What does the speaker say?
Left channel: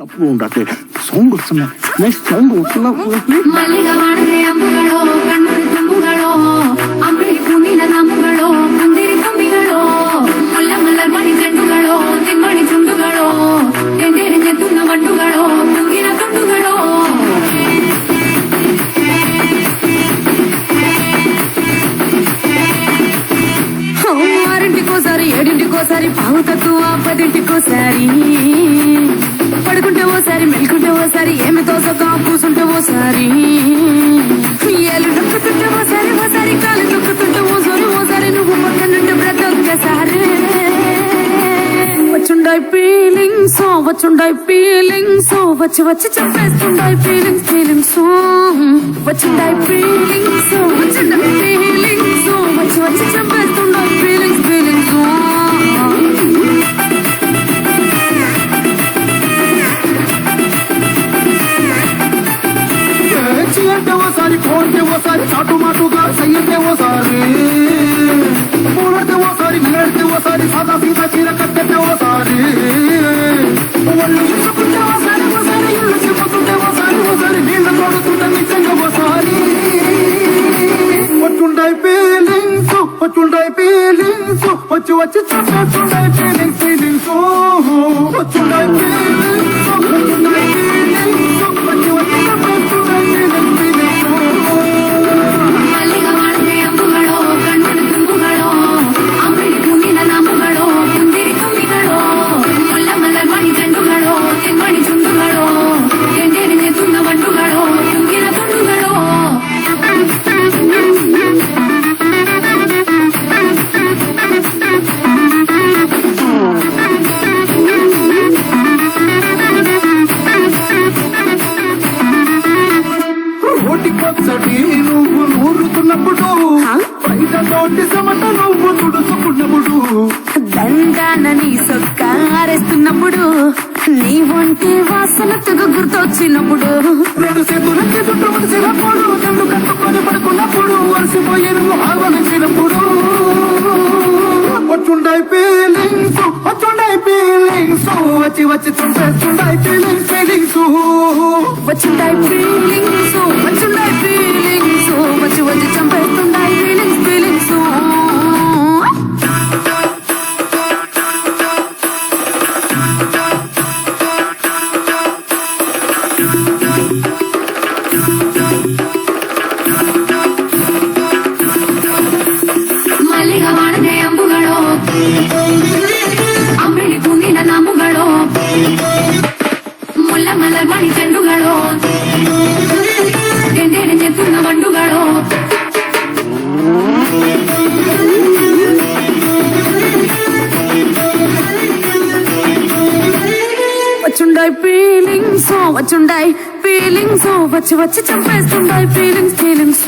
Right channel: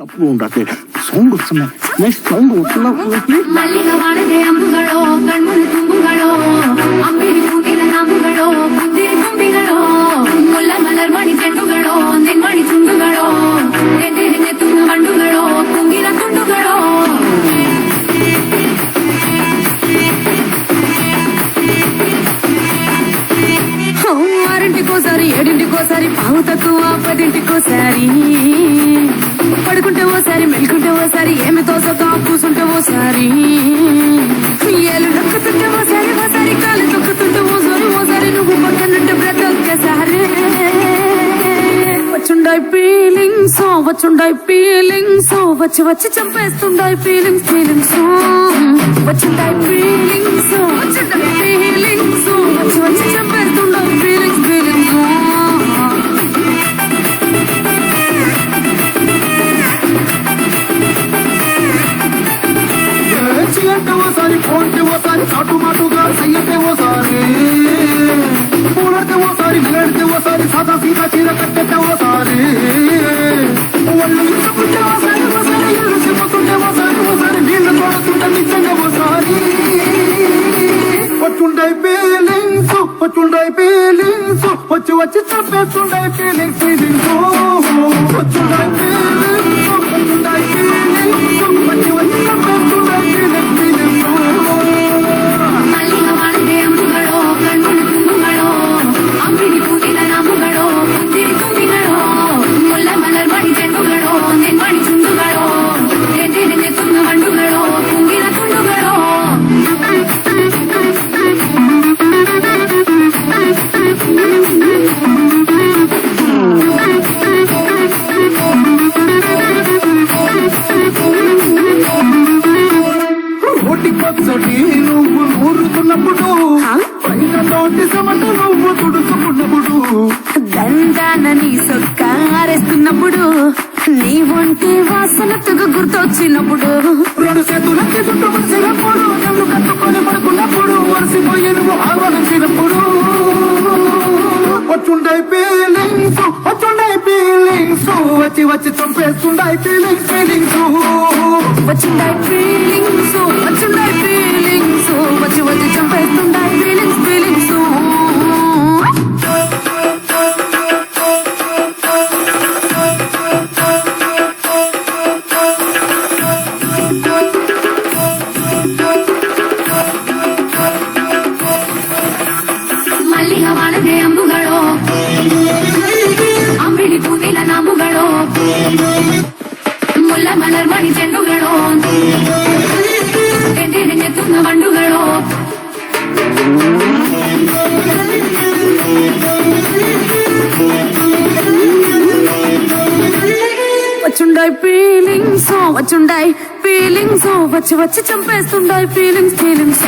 తప్పు ఉండదు సౌండ్ వస్తున్నా నెక్స్ట్ సౌండ్ వస్తున్నా ఆరింటికోసారి ఏడింటికోసారి పావు తక్కువ పదింటికోసారి పడుకుంటే ఓసారి మెలుకుంటే ఓసారి ఏమి తోసక కూసుంటే ఓసారి ఏళ్ళు నొక్కుతుంటే ఓసారి ఓసారి కాలు తొక్కుతుంటే ఓసారి నువ్వు పక్కనుంటే ప్రతి ఒక్కసారి వచ్చుండాయి ఫీలింగ్స్ వచ్చి వచ్చి చంపేస్తుండాయి ఫీలింగ్స్ వచ్చుండాయి ఫీలింగ్స్ వచ్చి వచ్చి చంపేస్తుండాయి ఫీలింగ్స్ అంటే ఓసారి ఫోన్కి ఓసారి చాటు మాటుగా చెయ్యంటే ఓసారి పూలడితే ఓసారి నిలడితే ఓసారి సాదా సీదా చీర కట్టెట్టే ఓసారి వాళ్ళు చెప్పుకుంటే ఓసారి ఇల్లు చెప్పుతుంటే ఓసారి నీళ్ళు తోడుతుంటే నిజంగా ఓసారి వచ్చుండాయి ఫీలింగ్స్ వచ్చి వచ్చి చెప్పేస్తుండాయి ఫీలింగ్స్ వచ్చుండాయి ఫీలింగ్స్ వచ్చి వచ్చి చెప్పేస్తుండాయి పచ్చడి నువ్వు నూరుతున్నప్పుడు బయట తోటి సమట నువ్వు తుడుచుకున్నప్పుడు దండాన నీ సొక్కారేస్తున్నప్పుడు నీ ఒంటి వాసన తెగ గుర్తొచ్చినప్పుడు రెండు చేతులకి చుట్టూ మనిసినప్పుడు నన్ను కట్టుకొని పడుకున్నప్పుడు వలసిపోయి నువ్వు ఆహ్వానించినప్పుడు వచ్చుండాయి ఫీలింగ్స్ వచ్చి వచ్చి చంపేస్తుండాయి ఫీలింగ్స్ వచ్చుండాయి ఫీలింగ్స్ వచ్చి వచ్చి చంపేస్తుండాయి ఫీలింగ్స్ ಮಲರ್ಮಣಿ ಚೆಂಡುಗಳು ಚೆತ್ತುಂಗ ಬಂಡುಗಳು వచ్చుండాయి ఫీలింగ్స్ వచ్చి వచ్చి చంపేస్తుండాయి ఫీలింగ్స్